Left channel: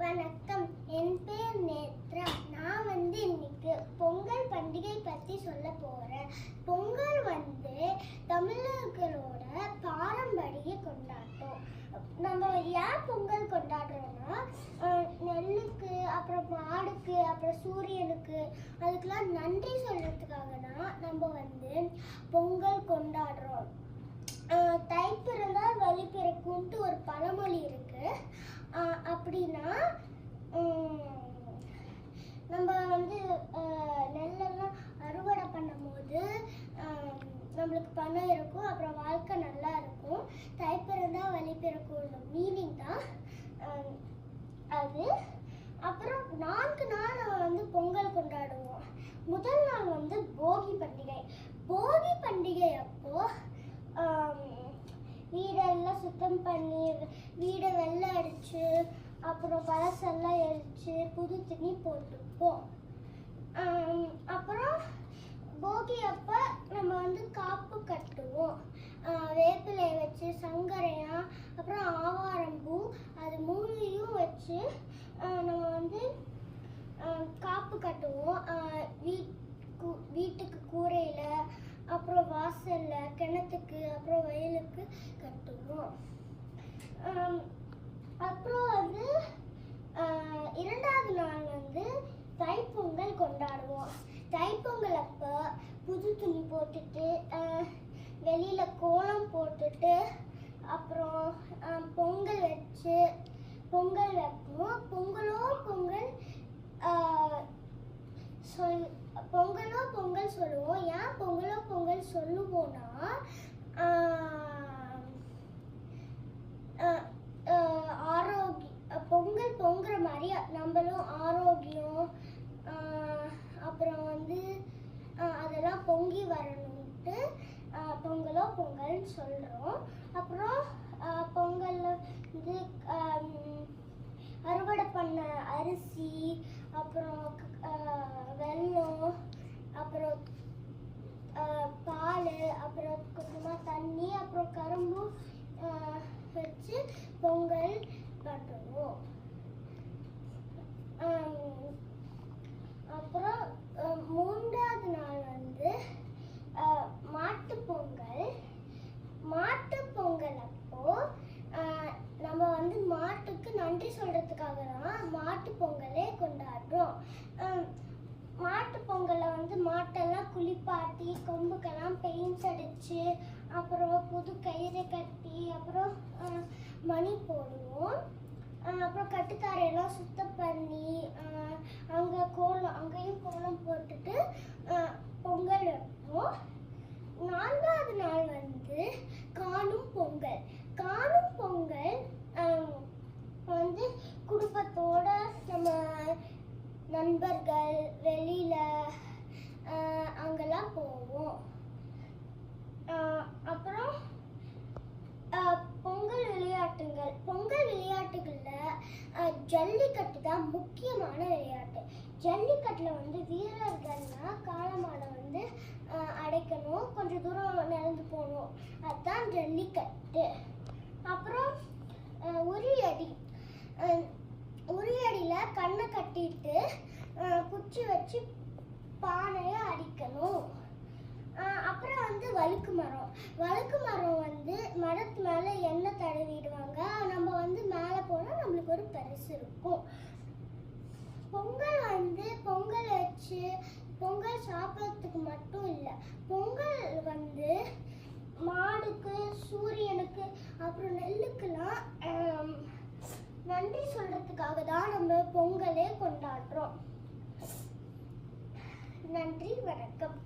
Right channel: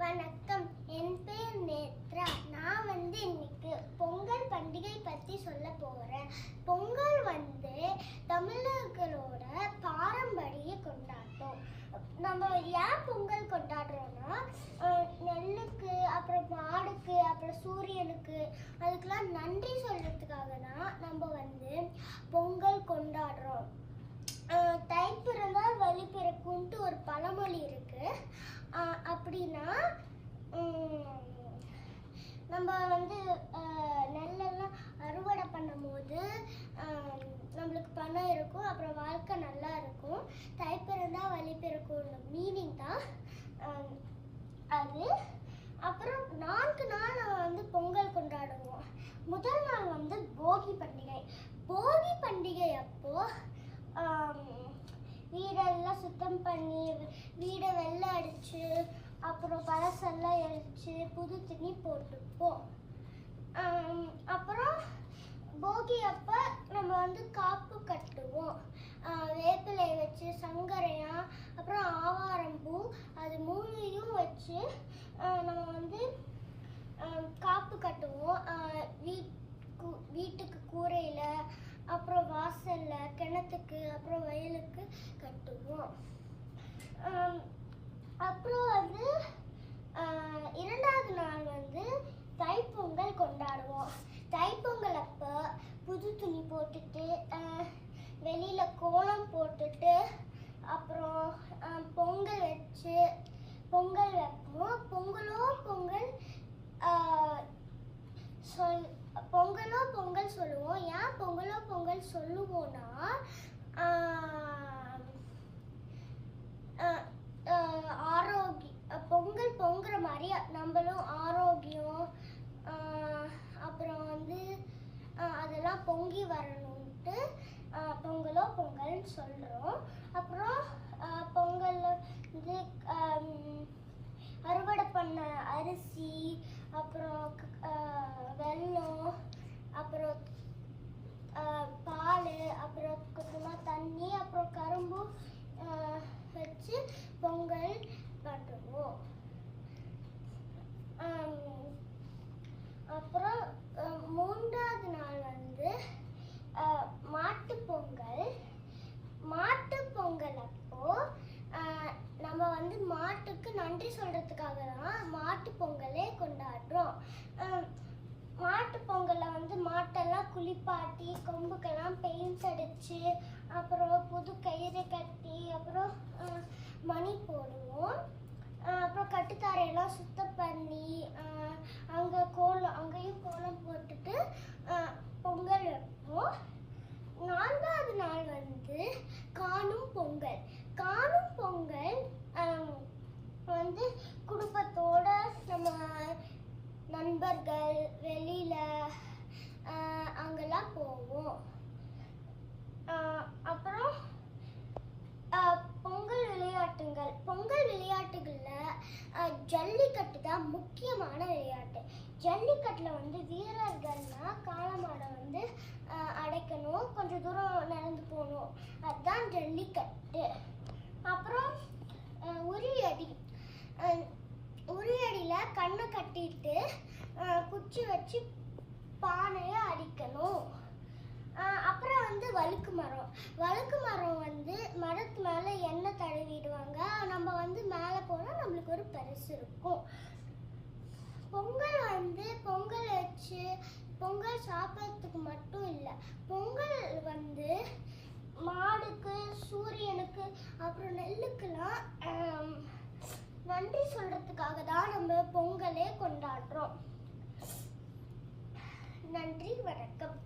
வணக்கம், என் பேர் நேத்ரா. நான் இன்னைக்கு பொங்கல் பண்டிகை பற்றி சொல்ல போகிறேன். பொங்கல் தமிழர்களோட பாரம்பரிய கொண்டாட்டம். நம்ம ஏன் பொங்கல் கொண்டாடுறோம்னா, நெல்லுக்கு, அப்புறம் மாடுக்கு, அப்புறம் சூரியனுக்கு, அதுக்கெல்லாம் நன்றி சொல்கிறதுக்காக தான் நம்ம பொங்கல் கொண்டாடுறோம். தை பிறந்தால் வழி பிறக்கும்ட்டு ஒரு பழமொழி இருக்கு. அப்படின்னா நம்ம நெல்லெல்லாம் அறுவடை பண்ணும் போது நம்மளுக்கு பணம் இருக்கும், அப்புறம் வாழ்க்கை நல்லா இருக்கும். தை பிறந்தால் வழி பிறக்கும் மீனிங் தான் அது. அப்புறம் 4 நாள் நம்ம பொங்கல் கொண்டாடுவோம். முதல் நாள் போகி பண்டிகை. போகி பண்டிகை அப்போ வீடெல்லாம் சுத்தம் பண்ணி, வீடை வெள்ளை அடிச்சு, அப்புறம் பழசெல்லாம் எரிச்சு, புது துணி போட்டுப்போம். அப்புறம் போகி அப்ப நம்ம காப்பு கட்டுவோம். வேப்பிலை வச்சு, சங்கரையா, அப்புறம் ஆவாரம்பூ, அது 3ஐயும் வச்சு நம்ம காப்பு கட்டுவோம். வீட்டுக்கு கூரையில, அப்புறம் வாசல்ல, கிணத்துக்கு, அப்புறம் வயலுக்கு கட்டுவோம். அப்புறம் இரண்டாவது நாள் தைப்பொங்கல் கொண்டாடுவோம். தைப்பொங்கல் அப்போ புது துணி போட்டுட்டு, வெளியில கோலம் போட்டுட்டு, அப்புறம் பொங்கல் வச்சு பொங்கல் வைப்போம். பொங்கலோ பொங்கல் சொல்லுவோம். ஏன் பொங்கலோ பொங்கல் சொல்லுவோம்னா, பொங்கல் பொங்குற மாதிரி நம்மளும் ஆரோக்கியம், அப்புறம் அதெல்லாம் பொங்கி வரணும்ட்டு பொங்கலோ பொங்கல்னு சொல்றோம். அப்புறம் பொங்கல்ல அறுவடை பண்ண அரிசி, அப்புறம் வெல்லம், அப்புறம் பால், அப்புறம் கொஞ்சமாக தண்ணி, அப்புறம் கரும்பு வச்சு பொங்கல் பண்ணுவோம். அப்புறம் 3ஆவது நாள் மாட்டுப்பொங்கல். மாட்டுப்பொங்கல் அப்போ நம்ம மாட்டுக்கு நன்றி சொல்றதுக்காக தான் மாட்டு பொங்கலே கொண்டாடுறோம். மாட்டு பொங்கல்ல மாட்டெல்லாம் குளிப்பாட்டி, கொம்புக்கெல்லாம் பெயிண்ட் அடிச்சு, அப்புறம் புது கயிறு கட்டி, அப்புறம் மணி போடுவோம். அப்புறம் கட்டுத்தாரையெல்லாம் சுத்தம் பண்ணி, அங்கேயும் கோலம் போட்டுட்டு பொங்கல் வைப்போம். 4ஆவது நாள் காணும் பொங்கல். காணும் பொங்கல் குடும்பத்தோட, நம்ம நண்பர்கள் வெளியில அங்கெல்லாம் போவோம். அப்புறம் பொங்கல் விளையாட்டுகள். பொங்கல் விளையாட்டுகள்ல ஜல்லிக்கட்டு தான் முக்கியமான விளையாட்டு. ஜல்லிக்கட்டுல வீரர்கள்னா காளமாடை அடைக்கணும், கொஞ்சம் தூரம் நடந்து போகணும், அதுதான் ஜல்லிக்கட்டு. அப்புறம் உரியடி. உரியடியில கண்ணை கட்டிட்டு குச்சி வச்சு பானைய அடிக்கணும். அப்புறம் வழுக்கு மரம். வழுக்கு மரம் மரத்து மேல எண்ணெய் தடவிடுவாங்க. நம்ம மேலே போனா நம்மளுக்கு ஒரு பரிசு இருக்கும். பொங்கல் பொங்கல் வச்சு பொங்கல் சாப்பிட்றதுக்கு மட்டும் இல்லை, பொங்கல் மாடுக்கு, சூரியனுக்கு, அப்புறம் நெல்லுக்கெல்லாம் நன்றி சொல்றதுக்காக தான் நம்ம பொங்கலே கொண்டாடுறோம். நன்றி, வணக்கம்.